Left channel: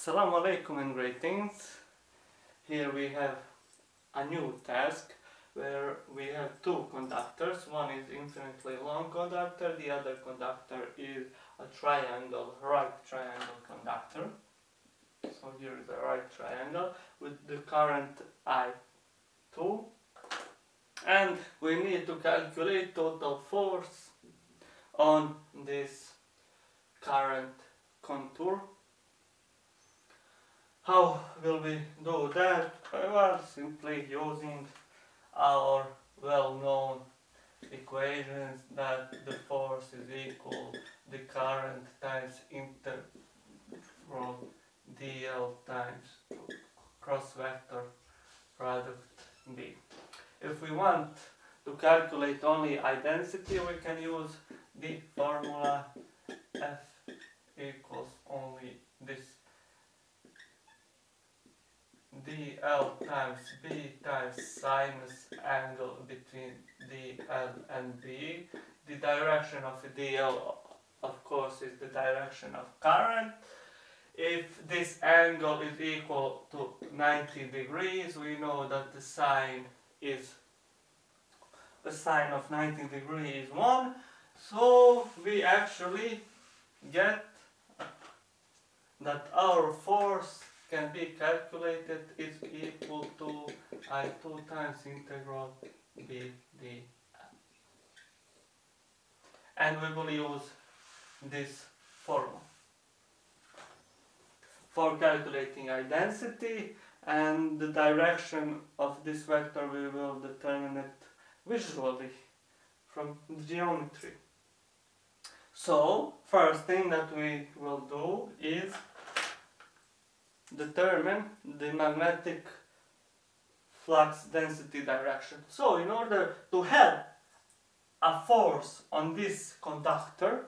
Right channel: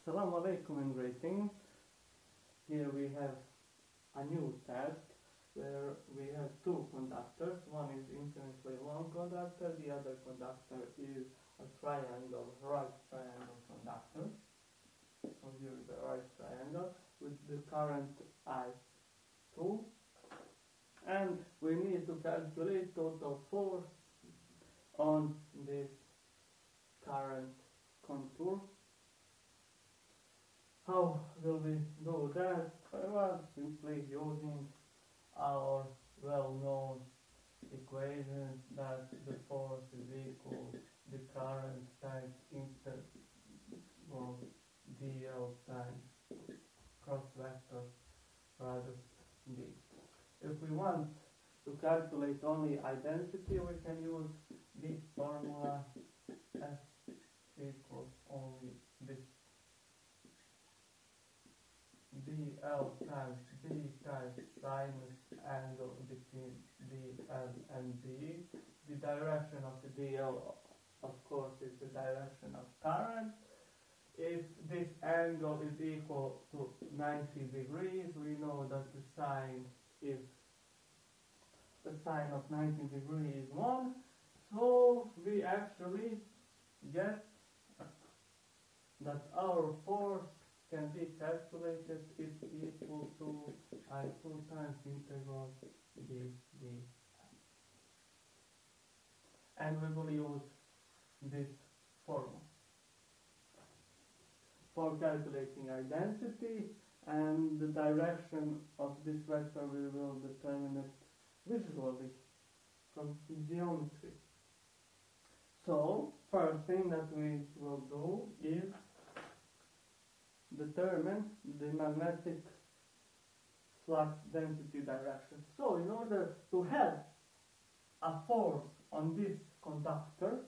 Assalamu alaikum and greetings. Here we have a new task where we have two conductors. One is infinitely long conductor, the other conductor is a triangle, right triangle conductor. So here is a right triangle with the current I2, and we need to calculate total force on this current contour. How will we do that? Well, simply using our well-known equations that the force is equal the current times integral dl times cross vector product b. If we want to calculate only I-density, we can use the formula F equals only this dl times b times sinus angle between dl and b. The direction of dl, of course, is the direction of current. If this angle is equal to 90 degrees, we know that the sine of 90 degrees is 1. So we actually get that our force can be calculated is equal to I2 times integral b dl. And we will use this formula for calculating I-density, and the direction of this vector we will determine it visually from geometry. So first thing that we will do is determine the magnetic flux density direction. So in order to have a force on this conductor,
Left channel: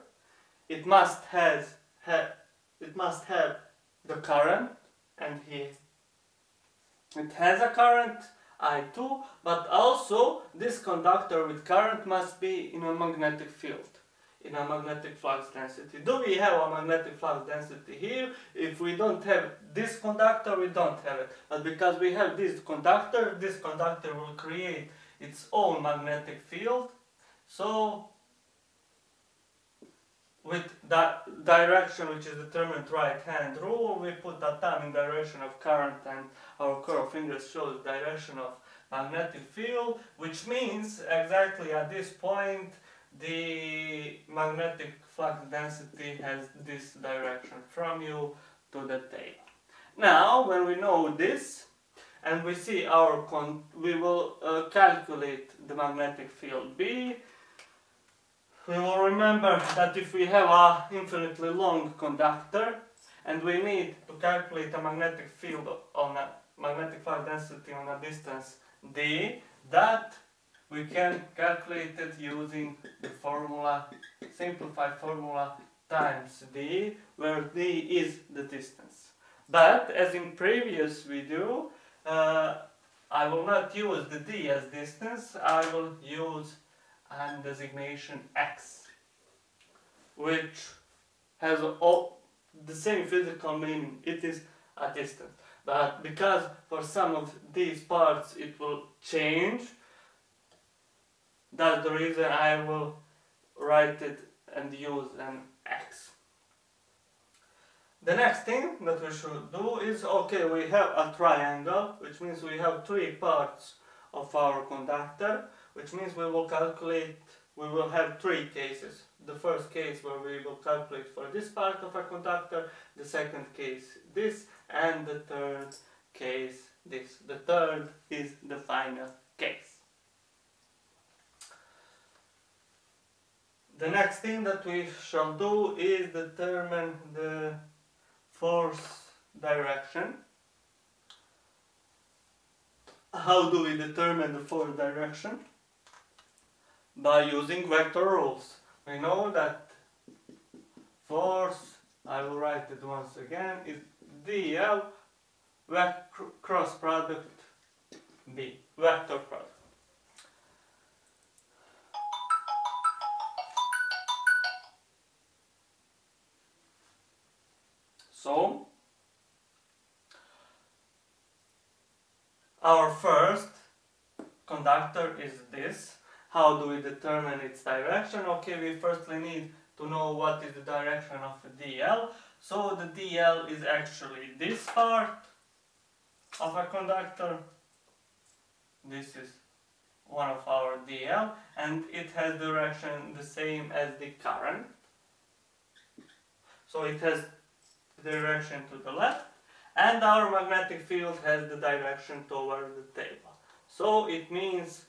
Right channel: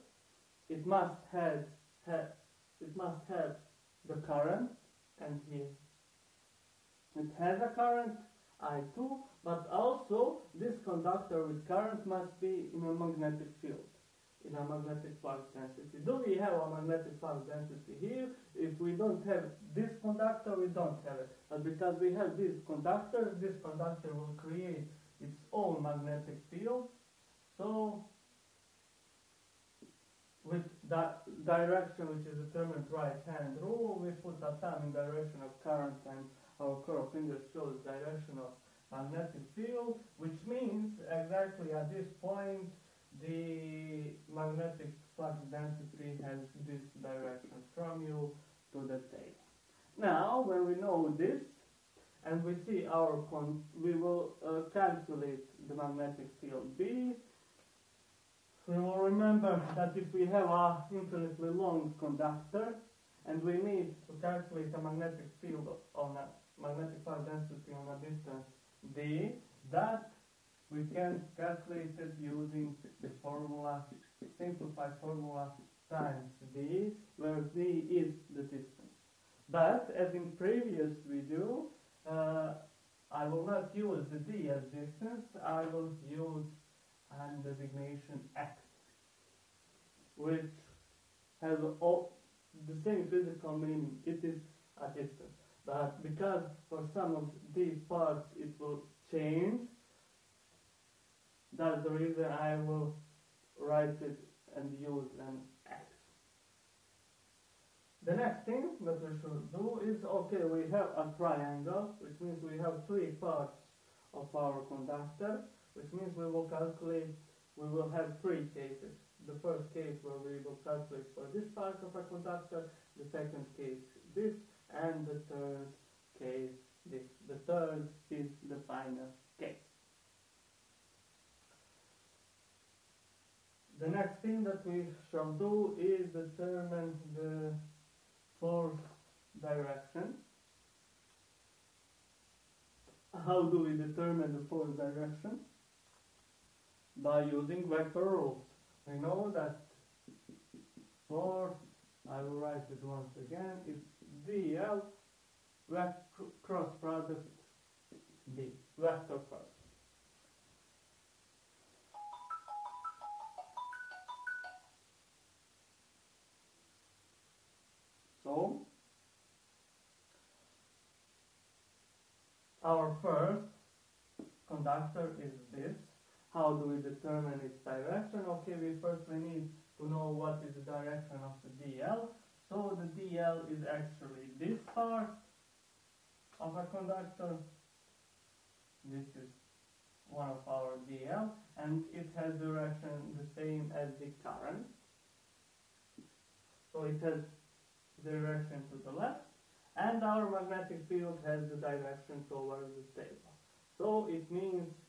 it must have the current, and here it has a current I2, but also this conductor with current must be in a magnetic field, in a magnetic flux density. Do we have a magnetic flux density here? If we don't have this conductor, we don't have it. But because we have this conductor will create its own magnetic field. So with that direction, which is determined right-hand rule, we put a thumb in direction of current and our curved fingers shows direction of magnetic field, which means exactly at this point the magnetic flux density has this direction from you to the tail. Now, when we know this and we see we will calculate the magnetic field B. We will remember that if we have a infinitely long conductor and we need to calculate a magnetic field on a magnetic flux density on a distance d, that we can calculate it using the formula, simplified formula times d, where d is the distance. But as in previous video, I will not use the d as distance, I will use and designation x, which has all the same physical meaning. It is a distance, but because for some of these parts it will change, that's the reason I will write it and use an x. The next thing that we should do is, okay, we have a triangle, which means we have three parts of our conductor, which means we will have three cases. The first case where we will calculate for this part of a conductor, the second case this, and the third case this. The third is the final case. The next thing that we shall do is determine the force direction. How do we determine the force direction? By using vector rules. We know that force, I will write it once again, is dl cross product b, vector product. So our first conductor is this. How do we determine its direction? Okay, we firstly need to know what is the direction of the DL. So the DL is actually this part of a conductor. This is one of our DL, and it has direction the same as the current. So it has direction to the left, and our magnetic field has the direction toward the table. So it means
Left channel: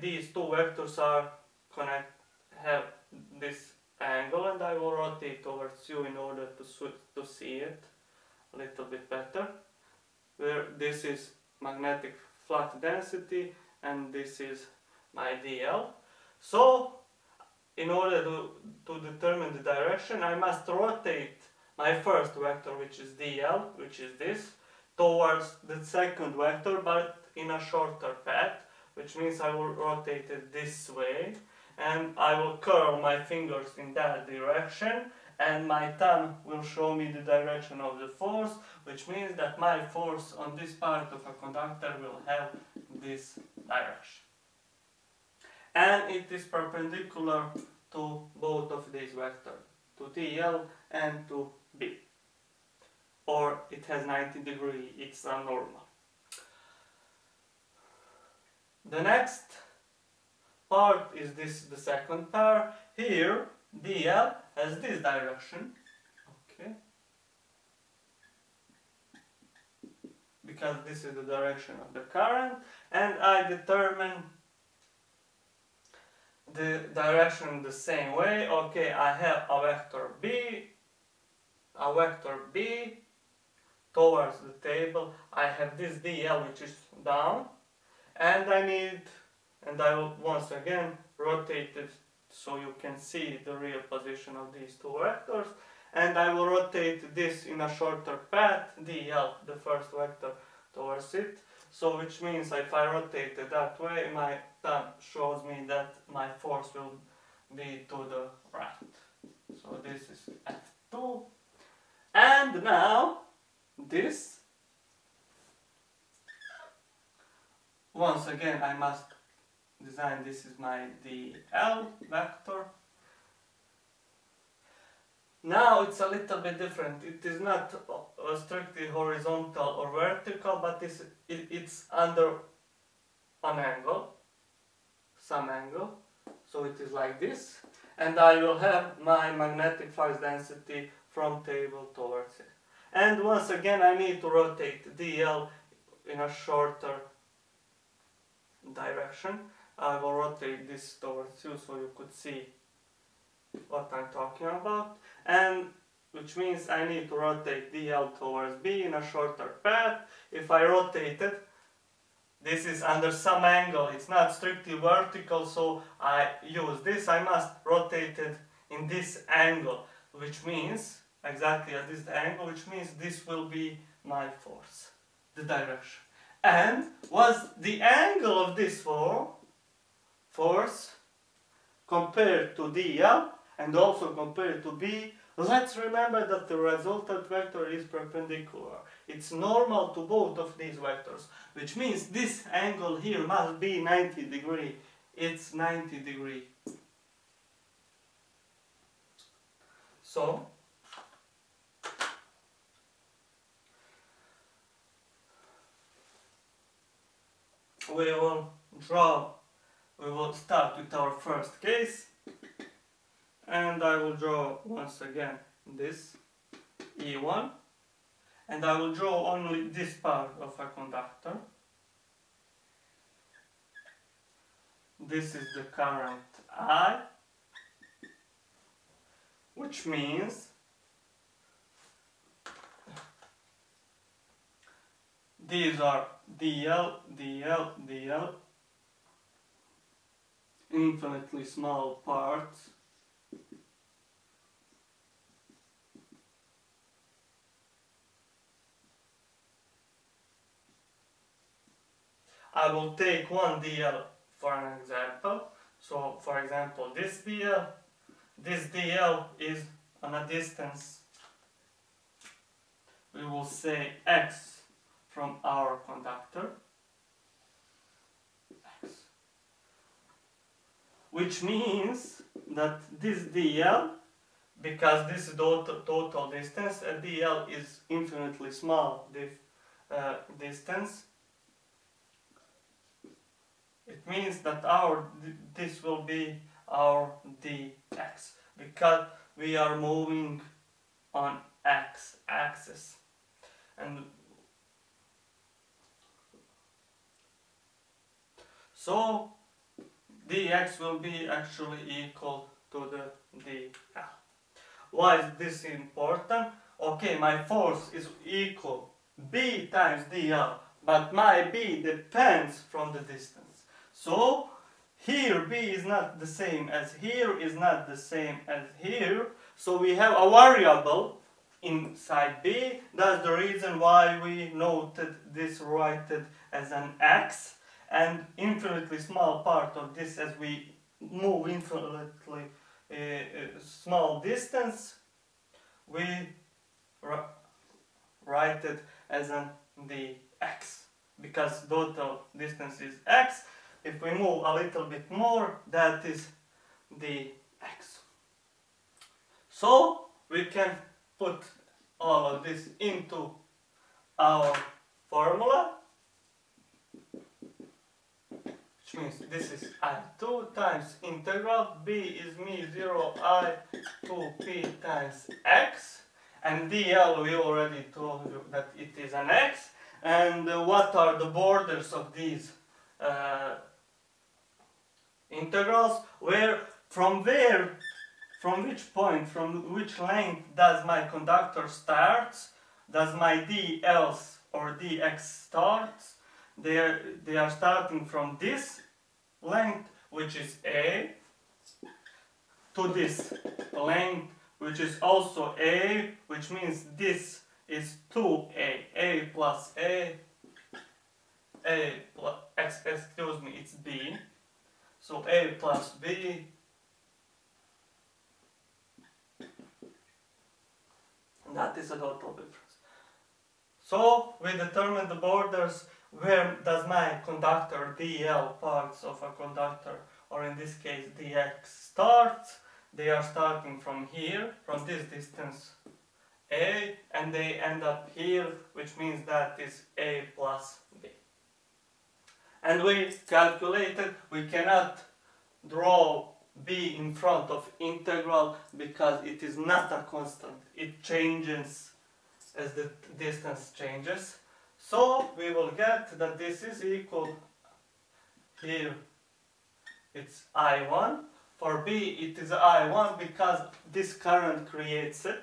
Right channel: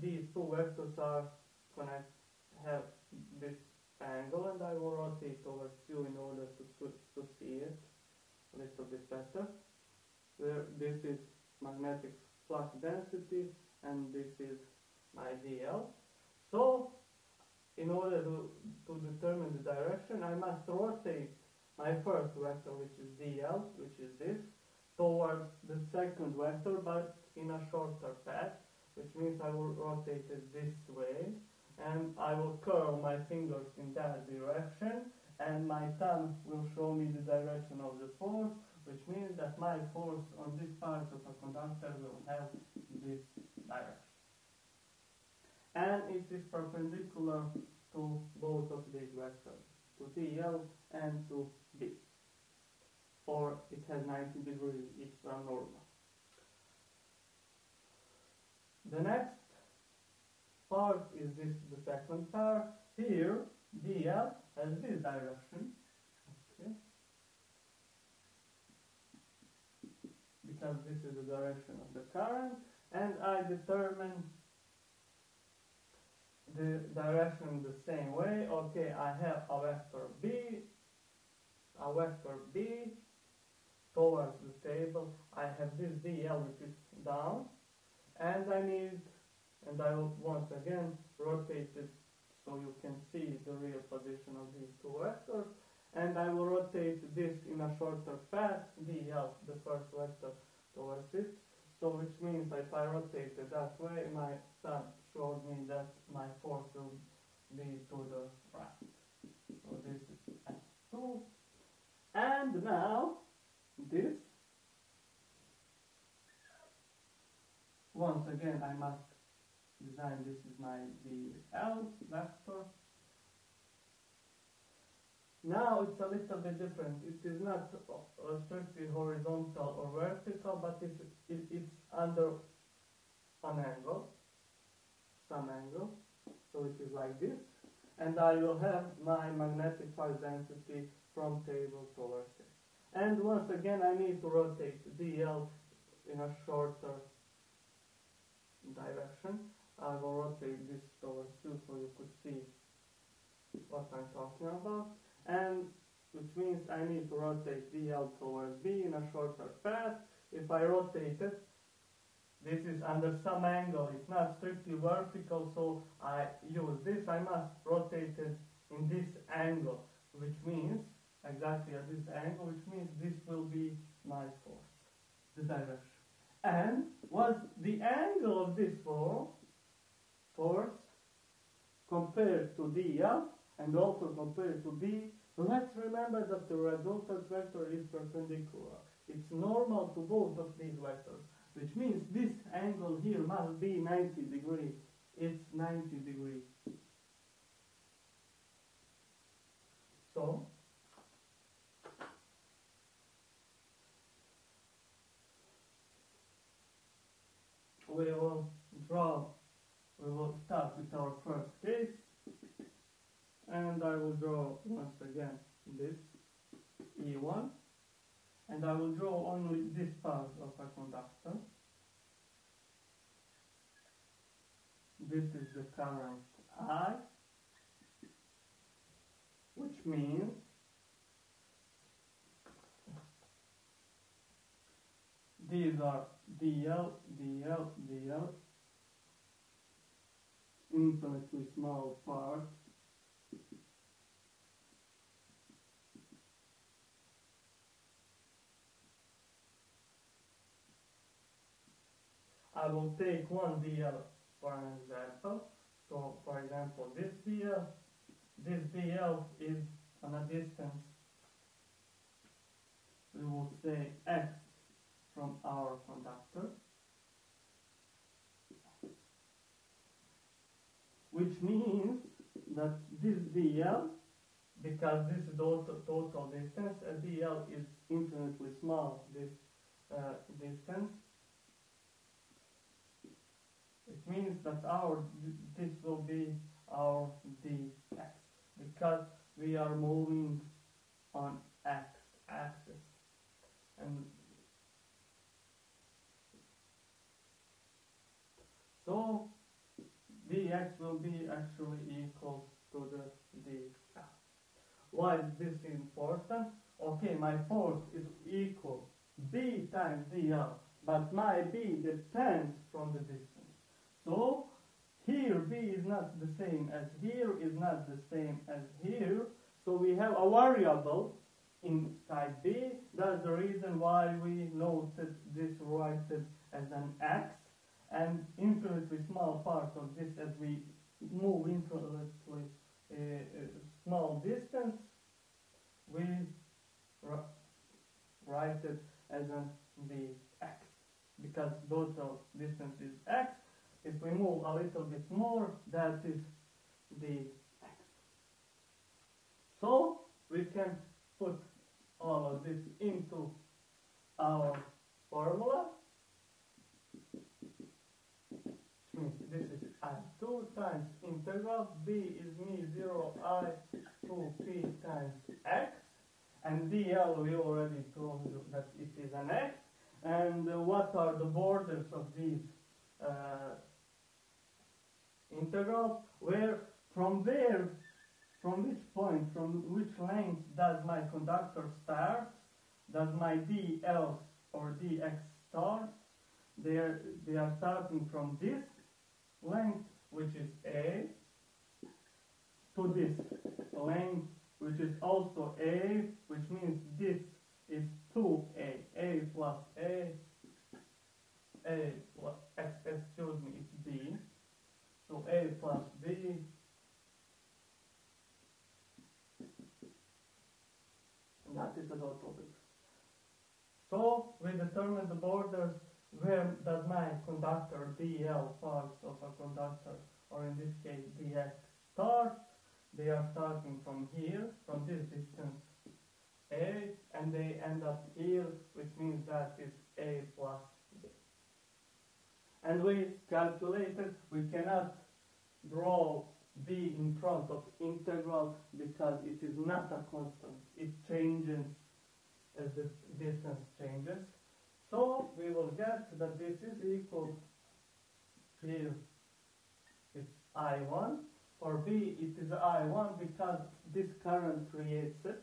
these two vectors have this angle, and I will rotate towards you in order to see it a little bit better. Where this is magnetic flux density and this is my DL. So in order to determine the direction, I must rotate my first vector, which is DL, which is this, towards the second vector, but in a shorter path, which means I will rotate it this way, and I will curl my fingers in that direction, and my thumb will show me the direction of the force, which means that my force on this part of a conductor will have this direction. And it is perpendicular to both of these vectors, to DL and to B. Or it has 90 degrees, it's a normal. The next part is the second pair. Here, DL has this direction, okay, because this is the direction of the current, and I determine the direction the same way. Okay, I have a vector B towards the table. I have this DL which is down, and I will once again rotate it so you can see the real position of these two vectors, and I will rotate this in a shorter path, DL, the first vector, towards it. So which means if I rotate it that way, my thumb shows me that my force will be to the right. So this is F2. And now this, once again I must design, this is my DL vector. Now it's a little bit different. It is not strictly horizontal or vertical, but it's under an angle, some angle. So it is like this, and I will have my magnetic flux density from table towards it. And once again I need to rotate DL in a shorter direction. I will rotate this towards you so you could see what I'm talking about, and which means I need to rotate DL towards B in a shorter path. If I rotate it, this is under some angle, it's not strictly vertical, so I use this. I must rotate it in this angle, which means exactly at this angle, which means this will be my force, the direction. And was the angle of this force compared to DL and also compared to B, let's remember that the resultant vector is perpendicular. It's normal to both of these vectors, which means this angle here must be 90 degrees. It's 90 degrees. So, we will start with our first case, and I will draw once again this E1, and I will draw only this part of a conductor. This is the current I, which means these are DL, DL, DL, infinitely small parts. I will take one DL for an example. So, for example, this DL is on a distance, we will say x from our conductor. which means that this dl, because this is the total distance, dl is infinitely small distance. It means that this will be our dx, because we are moving on x-axis, and so dx will be actually equal to the dl. Why is this important? Okay, my force is equal b times dl, but my b depends from the distance. So here b is not the same as here, is not the same as here. So we have a variable inside b. That's the reason why we noted this, write it as an x, and infinitely small part of this, as we move infinitely small distance, we write it as an dx, because total distance is x. If we move a little bit more, that is dx. So we can put all of this into our formula, which means this is I2 times integral b is mu0 I 2p times x, and dl we already told you that it is an x. And what are the borders of these integrals? From which point, from which length does my conductor starts? Does my dl or dx starts? They are starting from this length, which is a, to this length, which is also a, which means this is 2a, a plus a plus, excuse me, it's b, so a plus b, and that is a total difference. So we determine the borders. Where does my conductor dl, parts of a conductor, or in this case dx, starts? They are starting from here, from this distance a, and they end up here, which means that is a plus b. And we calculated, we cannot draw b in front of integral because it is not a constant. It changes as the distance changes. So we will get that this is equal, here it's I1, for b it is I1 because this current creates it.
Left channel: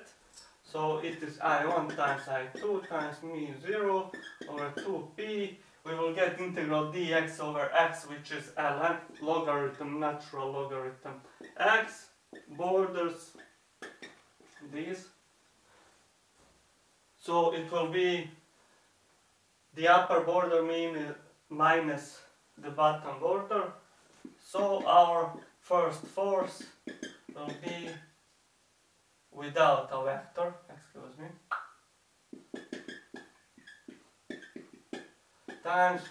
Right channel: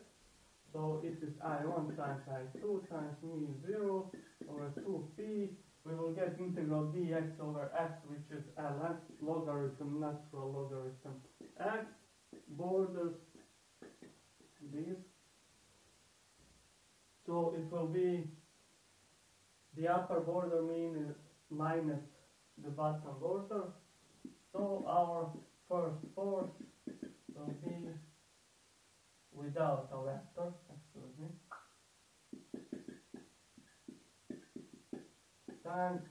So it is I1 times I2 times mu0 over 2p. We will get integral dx over x, which is ln logarithm, natural logarithm x, borders, these. So it will be the upper border minus the bottom border. So our first force will be without a vector, excuse me, times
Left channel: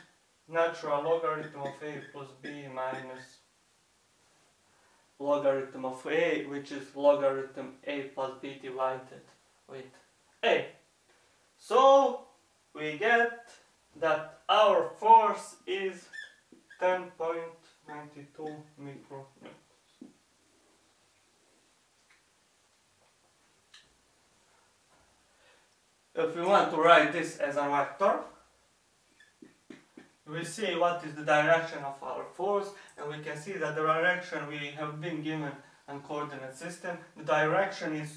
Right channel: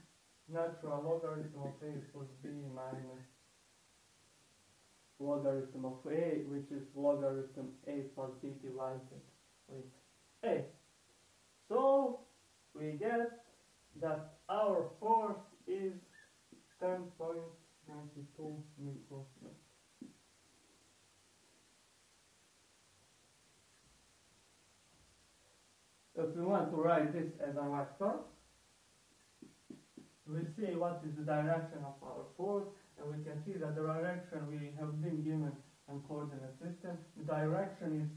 natural logarithm of a plus b minus logarithm of a, which is logarithm a plus b divided with a. So we get that our force is 10.92 micronewtons. If we want to write this as a vector, we see what is the direction of our force, and we can see that the direction we have been given a coordinate system. The direction is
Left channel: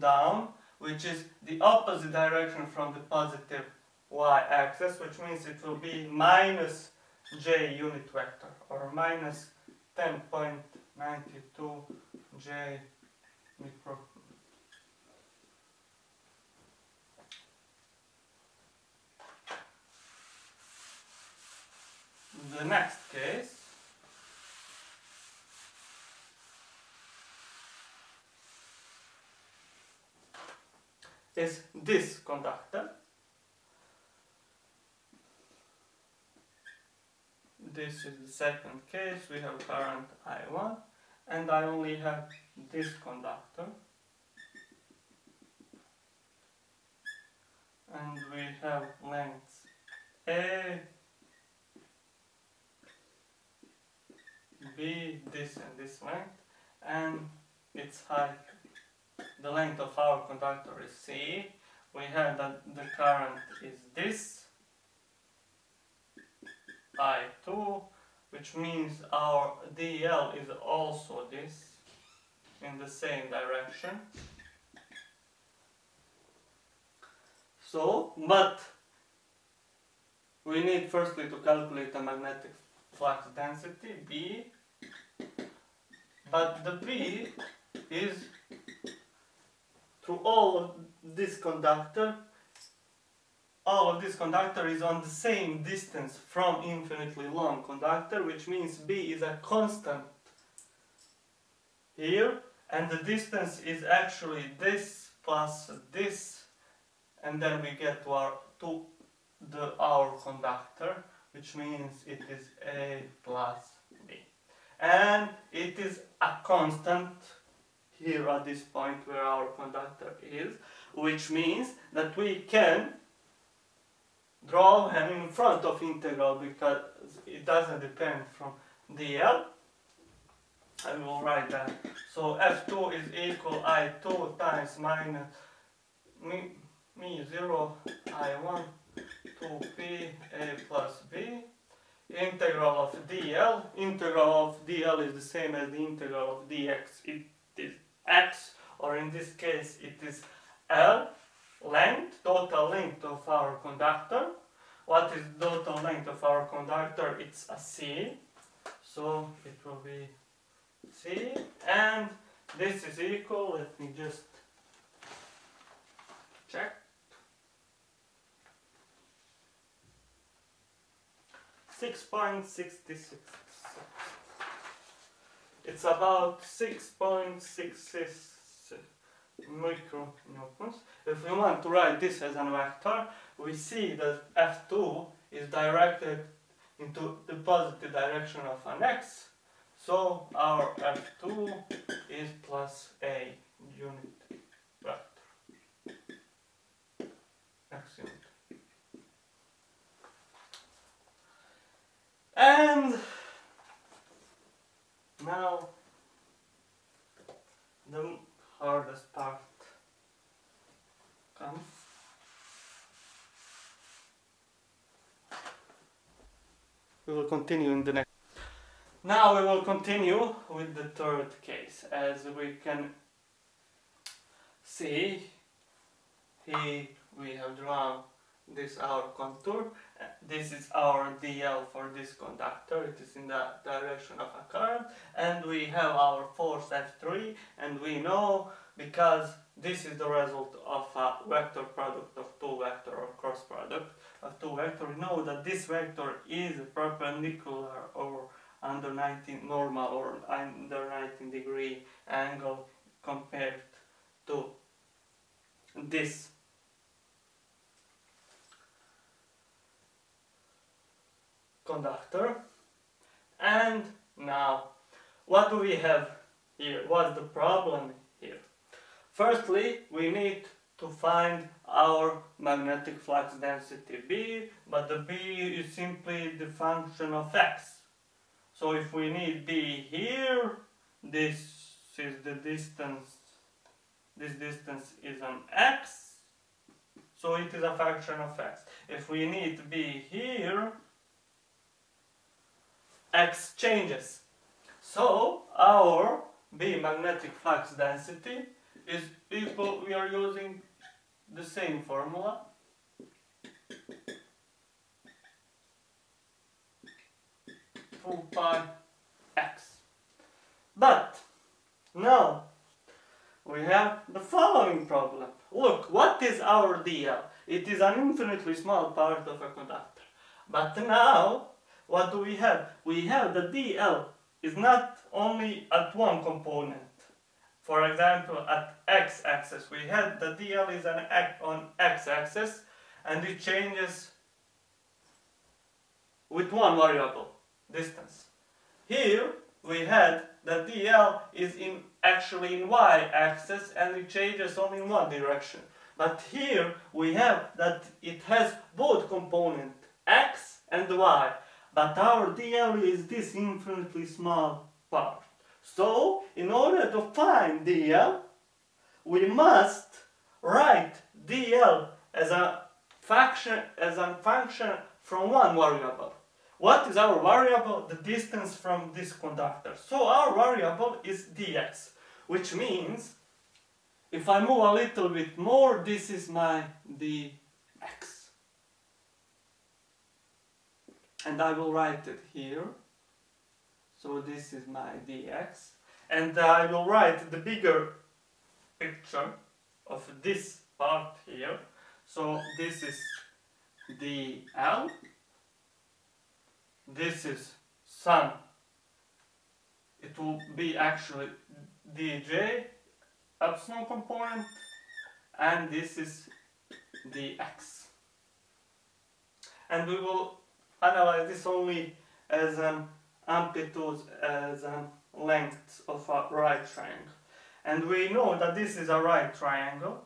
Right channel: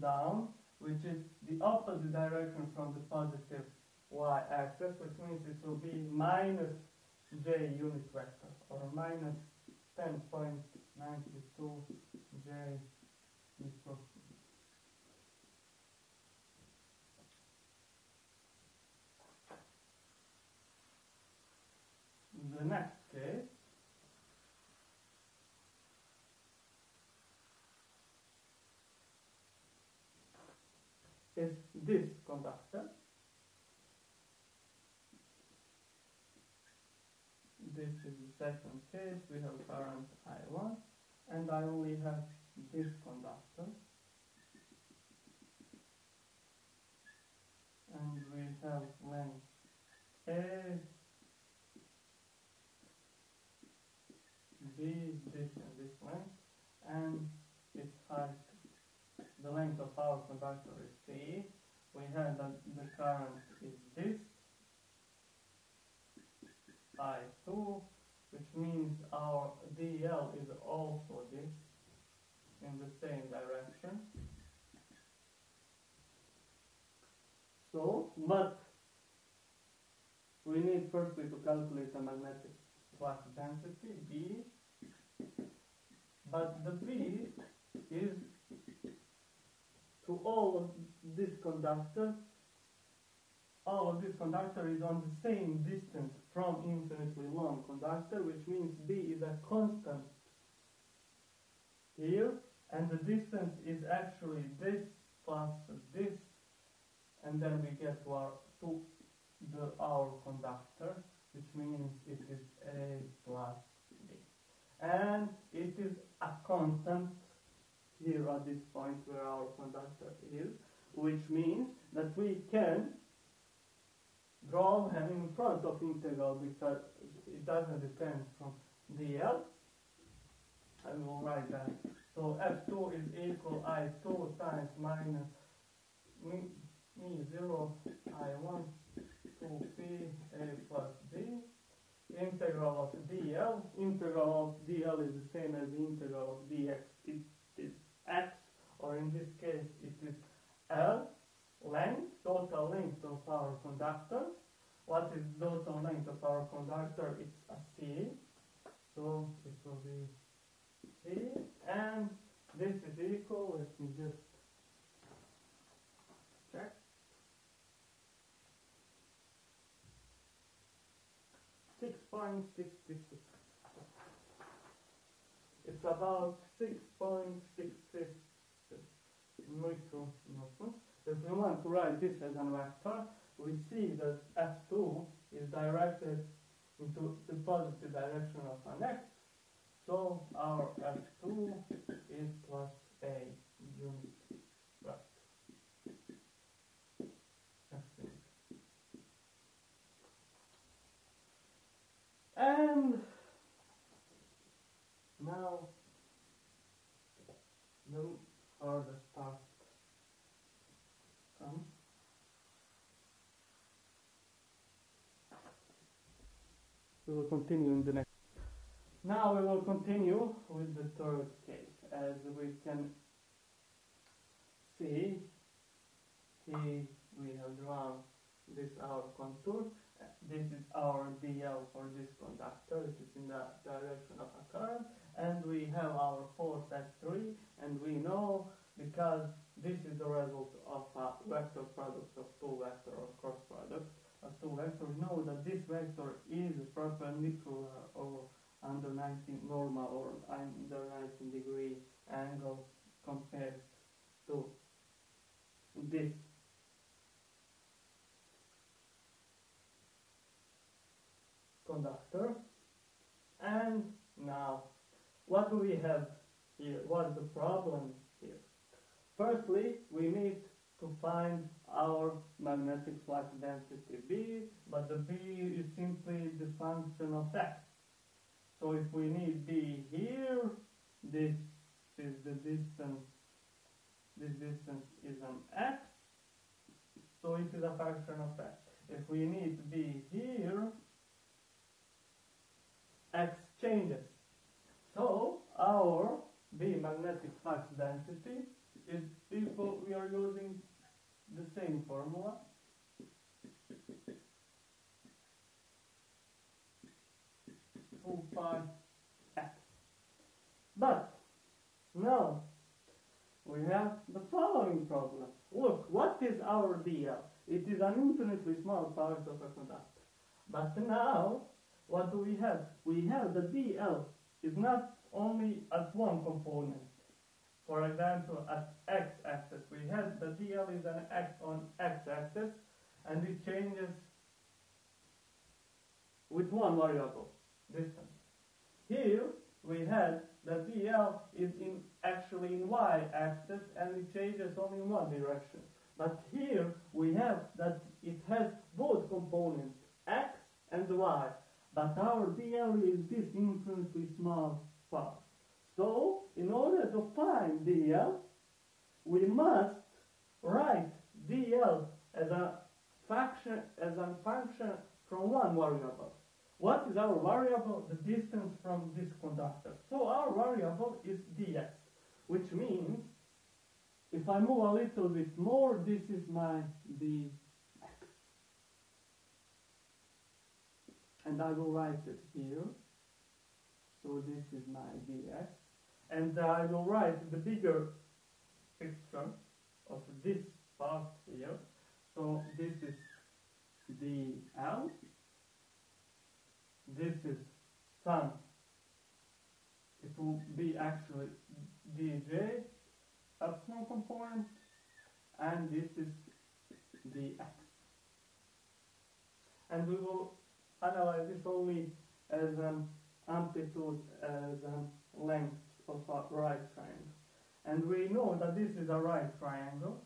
down, which is the opposite direction from the positive y-axis, which means it will be minus j unit vector, or minus 10.92 j micro. The next case is this conductor. This is the second case. We have current I1, and I only have this conductor, and we have lengths A, B, this and this length, and its height, the length of our conductor is C. We have that the current is this, I2, which means our DL is also this, in the same direction. So, but we need firstly to calculate the magnetic flux density, B, but the B is through all of this conductor is on the same distance from infinitely long conductor, which means B is a constant here, and the distance is actually this plus this, and then we get to our conductor, which means it is A plus B. And it is a constant here at this point where our conductor is, which means that we can draw him in front of integral because it doesn't depend from dl. I will write that. So F2 is equal I2 times minus mu0 I1 2p A plus B. Integral of dl. Integral of dl is the same as the integral of dx. It is x, or in this case it is L, length, total length of our conductor. What is total length of our conductor? It's a C, so it will be C, and this is equal, let me just check, 6.66. It's about 6.66 micronewtons. If we want to write this as a vector, we see that F2 is directed into the positive direction of an x, so our F2 is plus a unit vector, x unit. And now the hardest part comes. We will continue in the next. Now we will continue with the third case. As we can see, here we have drawn this our contour. This is our dl for this conductor. It is in the direction of a current, and we have our force F3, and we know, because this is the result of a vector product of two vector or cross product of two vector, we know that this vector is perpendicular or under 90 normal or under 90-degree angle compared to this conductor. And now, what do we have here? What's the problem here? Firstly, we need to find our magnetic flux density B, but the B is simply the function of x. So if we need B here, this is the distance, this distance is an x, so it is a function of x. If we need B here, x changes. So our B magnetic flux density is equal, we are using the same formula, full pi x. But now we have the following problem. Look, what is our dl? It is an infinitely small part of a conductor. But now, what do we have? We have the dl is not only at one component. For example, at x-axis, we have the dl is on x-axis, and it changes with one variable, distance. Here we had that dl is actually in y-axis and it changes only in one direction. But here we have that it has both components, x and y, but our dl is this infinitely small part. So in order to find dl, we must write dl as a function from one variable. What is our variable? The distance from this conductor. So our variable is dx, which means if I move a little bit more, this is my dx. And I will write it here. So this is my dx. And I will write the bigger picture of this part here. So this is dl. This is sun. It will be actually dj epsilon component, and this is dx. And we will analyze this only as an amplitude, as a length of a right triangle. And we know that this is a right triangle.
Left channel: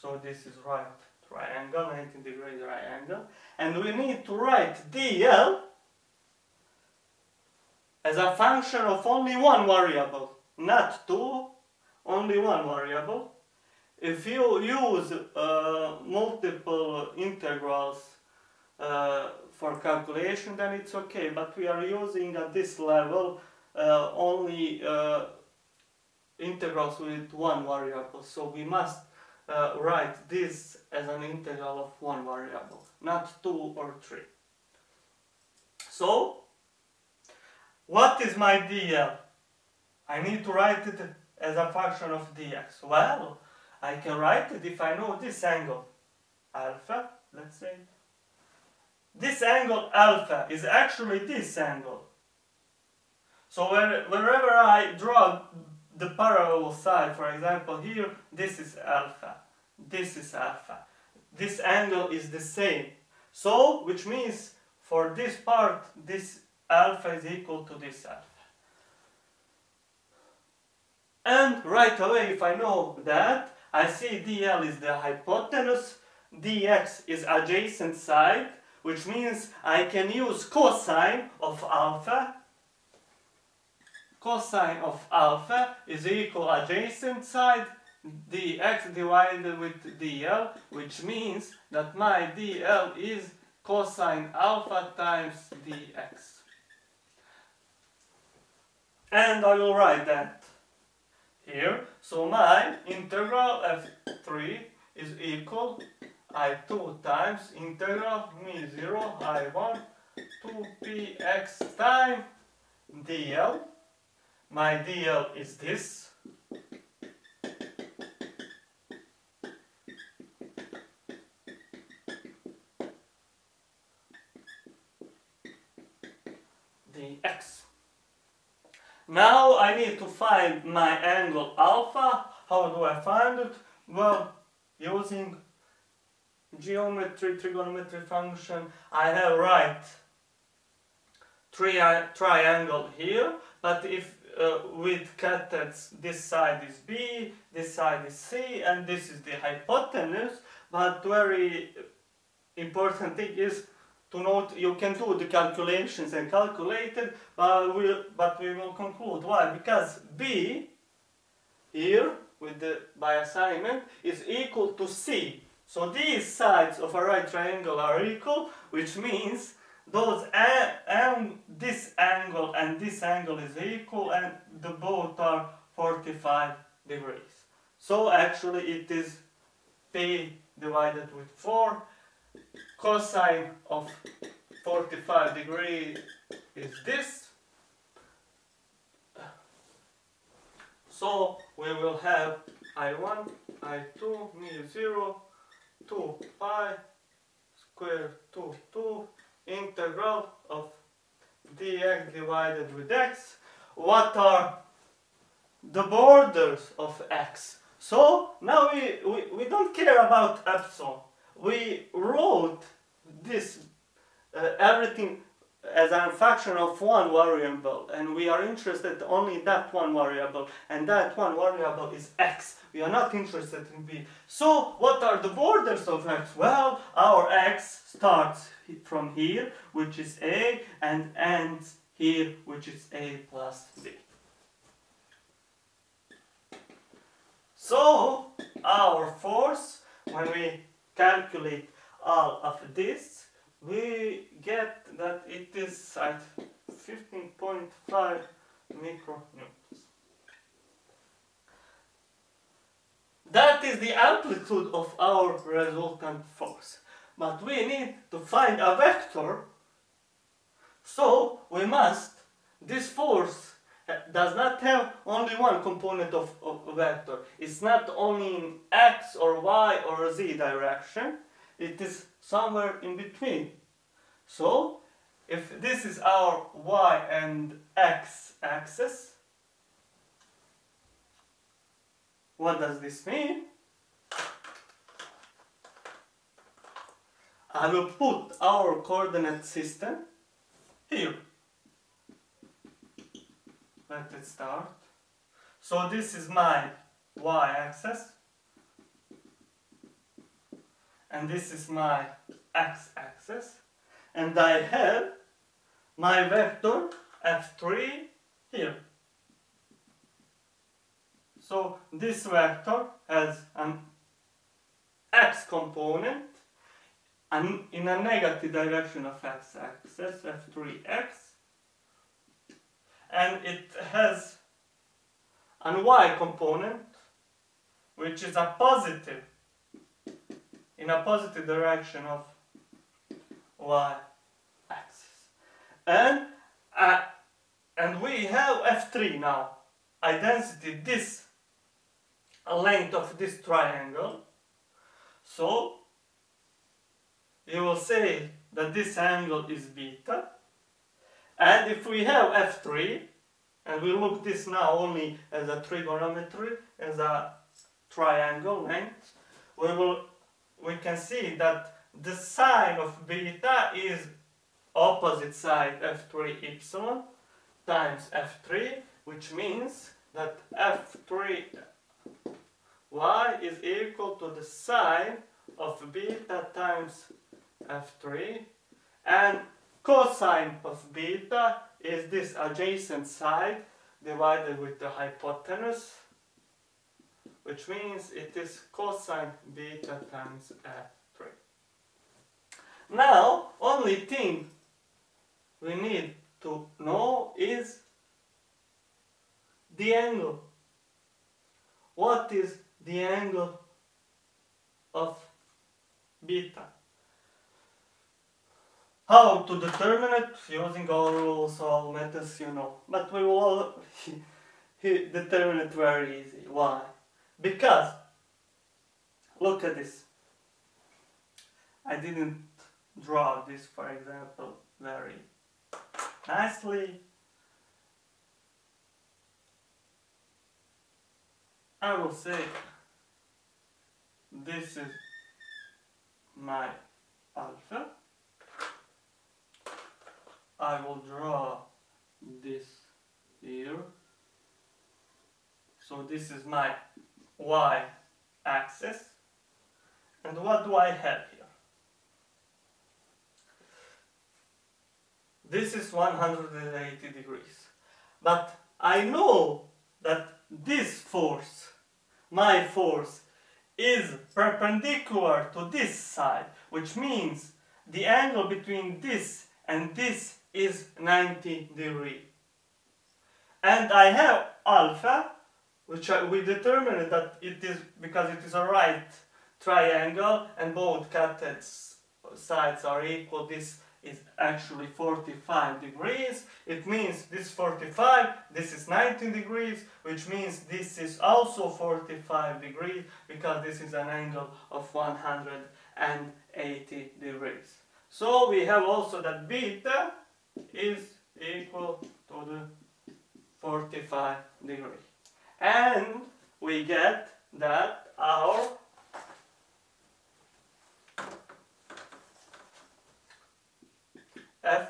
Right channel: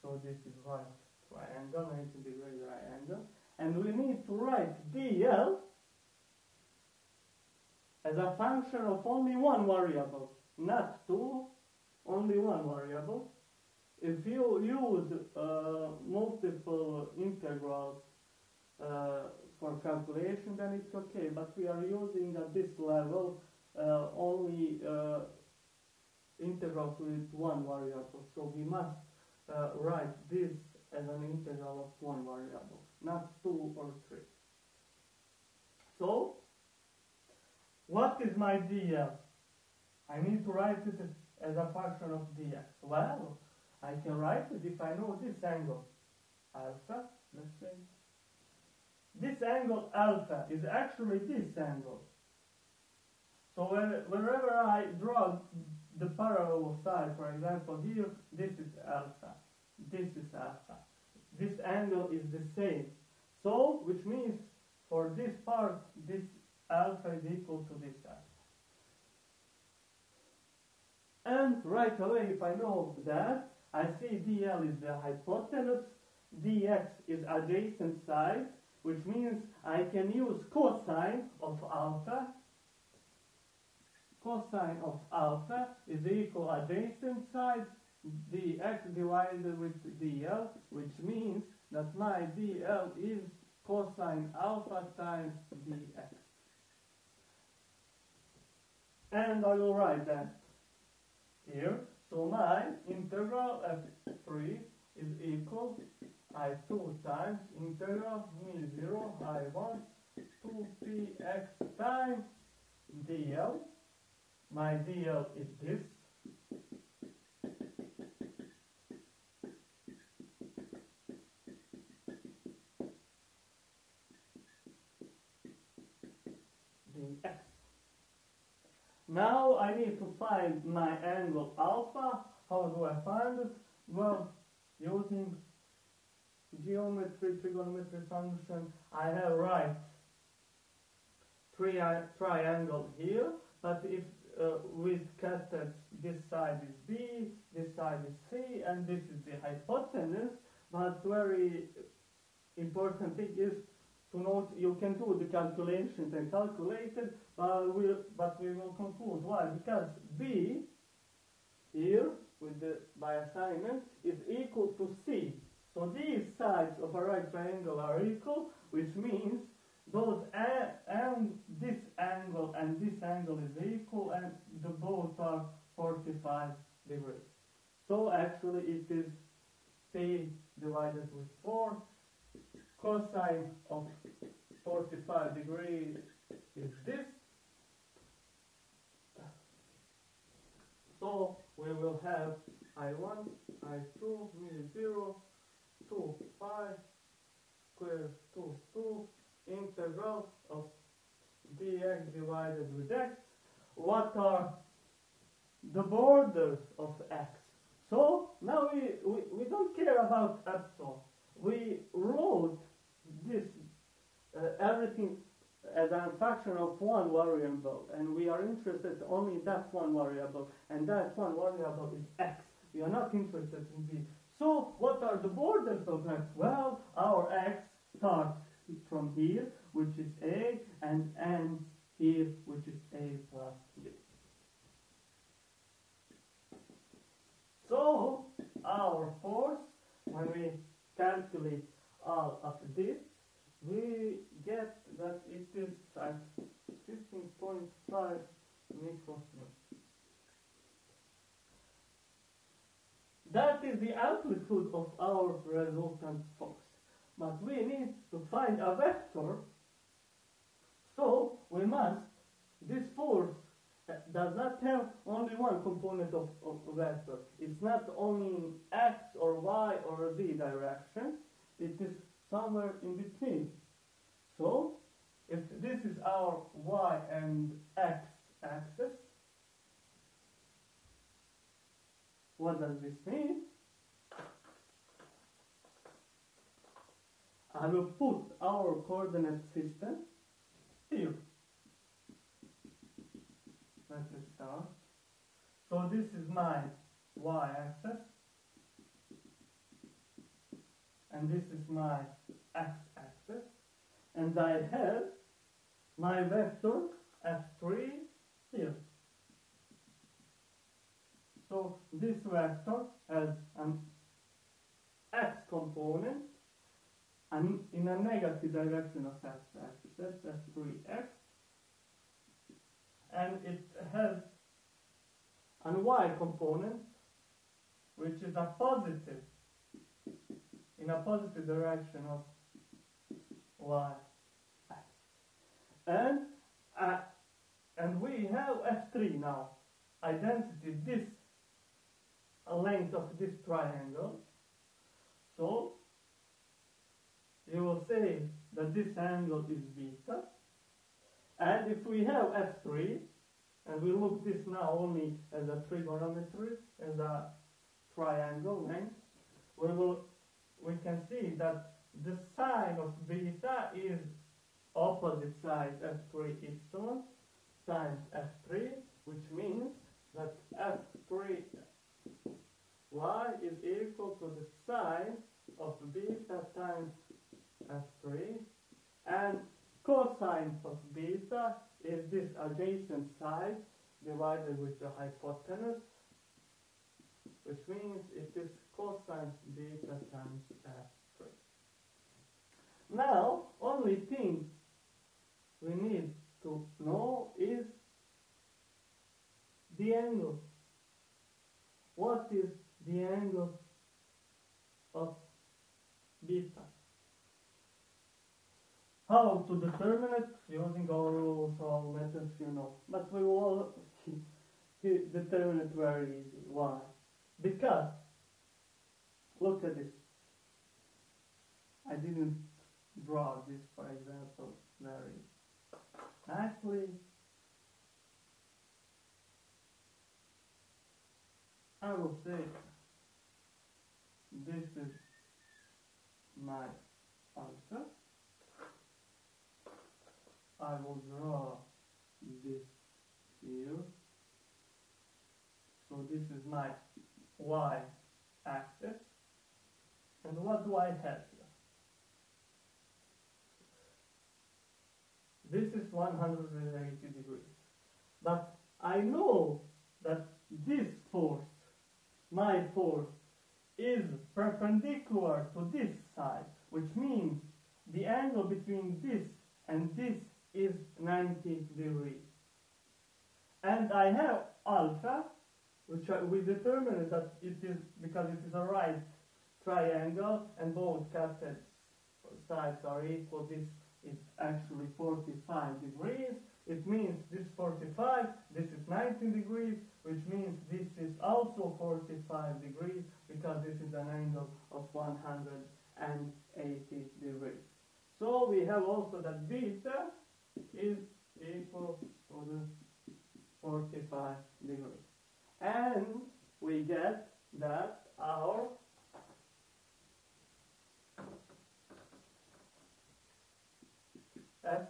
So this is right triangle, 90-degree triangle. And we need to write dl as a function of only one variable, not two, only one variable. If you use multiple integrals for calculation, then it's okay, but we are using at this level only integrals with one variable, so we must write this as an integral of one variable, not two or three. So, what is my dl? I need to write it as a function of dx. Well, I can write it if I know this angle, alpha, let's say. This angle alpha is actually this angle. So wherever I draw the parallel side, for example here, this is alpha, this is alpha. This angle is the same. So, which means for this part, this alpha is equal to this alpha. And right away, if I know that, I see dl is the hypotenuse, dx is adjacent side, which means I can use cosine of alpha. Cosine of alpha is equal adjacent side, dx divided with dl, which means that my dl is cosine alpha times dx. And I will write that here. So my integral f3 is equal I2 times integral mu0 I1 2px times dl. My dl is this. dx. Now I need to find my angle alpha. How do I find it? Well, using geometry, trigonometry function, I have right triangle here, but if with cathets this side is B, this side is C, and this is the hypotenuse, but very important thing is to note you can do the calculations and calculate it, but we will conclude. Why? Because B here with the by assignment is equal to C. So these sides of a right triangle are equal, which means those this angle and this angle is equal, and the both are 45 degrees. So actually it is P divided with 4. Cosine of 45 degrees is this. So we will have I1, I2, mu0, 2 pi square 2 integral of dx divided with x. What are the borders of x? So now we don't care about epsilon. We wrote this everything as a function of one variable, and we are interested only in that one variable, and that one variable is x. We are not interested in b. So what are the borders of x? Well, our x starts from here, which is a, and ends here, which is a plus b. So our force, when we calculate all of this, we get that it is at 15.5 micronewtons. That is the amplitude of our resultant force. But we need to find a vector, so we must, this force does not have only one component of a vector. It's not only in x or y or z direction, it is somewhere in between. So, if this is our y and x axis, what does this mean? I will put our coordinate system here. Let it start. So this is my y-axis, and this is my x-axis, and I have my vector f3 here. So this vector has an x component and in a negative direction of x-axis, f3x, and it has an y component which is a positive, in a positive direction of y-axis. And we have f3 now, a density, this length of this triangle. So you will say that this angle is beta, and if we have f3, and we look this now only as a trigonometry, as a triangle length, we can see that the sine of beta is opposite side f3 epsilon times f3, which means that f3 y is equal to the sine of beta times f3, and cosine of beta is this adjacent side divided with the hypotenuse, which means it is cosine beta times f3. Now, only thing we need to know is the angle. What is the angle of beta? How to determine it? Using all rules, all methods, you know. But we will determine it very easy. Why? Because, look at this. I didn't draw this, for example, very nicely. I will say this is my alpha. I will draw this here. So this is my y-axis. And what do I have here? This is 180 degrees. But I know that this force, my force, is perpendicular to this side, which means the angle between this and this is 90 degrees. And I have alpha, which we determined that it is because it is a right triangle and both cutted sides are equal. This is actually 45 degrees. It means this 45, this is 90 degrees, which means this is also 45 degrees because this is an angle of 180 degrees. So we have also that beta is equal to the 45 degrees. And we get that our f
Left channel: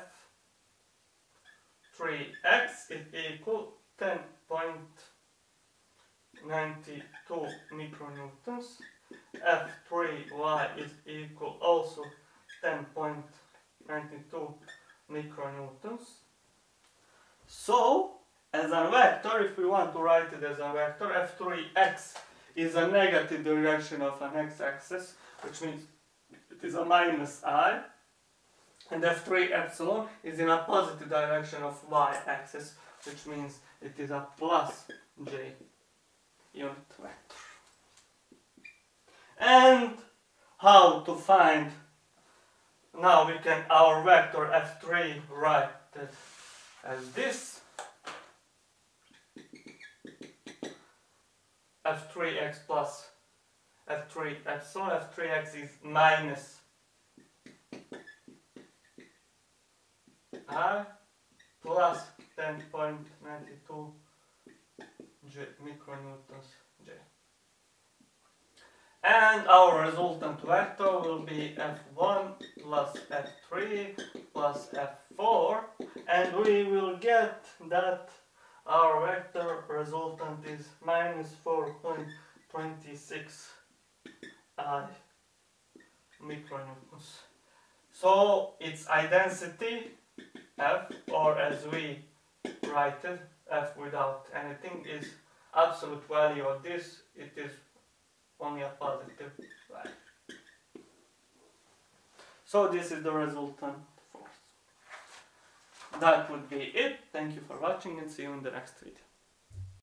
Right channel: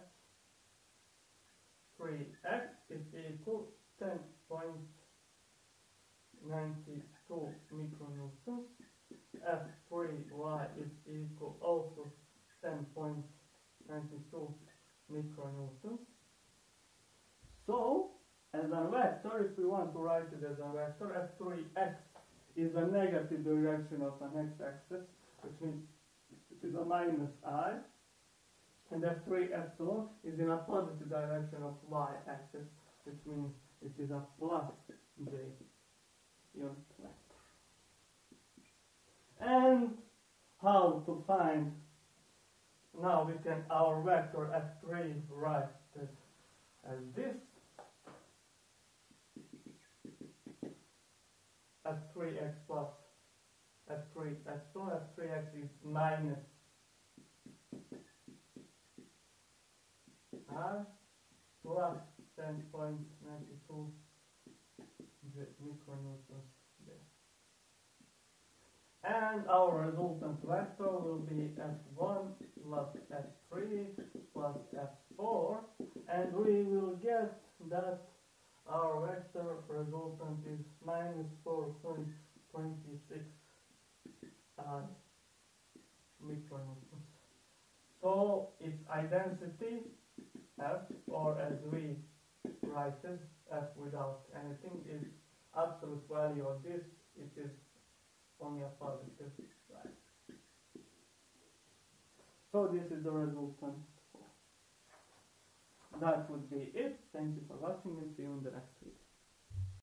F3y is equal also 10.92 micronewtons. So, as a vector, if we want to write it as a vector, F3x is a negative direction of an x-axis, which means it is a minus I, and F3 epsilon is in a positive direction of y-axis, which means it is a plus j unit vector. And how to find, now we can, our vector F3 write it as this, F3x plus F3 epsilon. F3x is minus I plus 10.92 micronewtons J. And our resultant vector will be F1 plus F3 plus F4, and we will get that our vector resultant is minus 4.26 I micronewtons. So its identity F, or as we write it, F without anything, is absolute value of this. It is only a positive value. So this is the resultant force. That would be it. Thank you for watching and see you in the next video.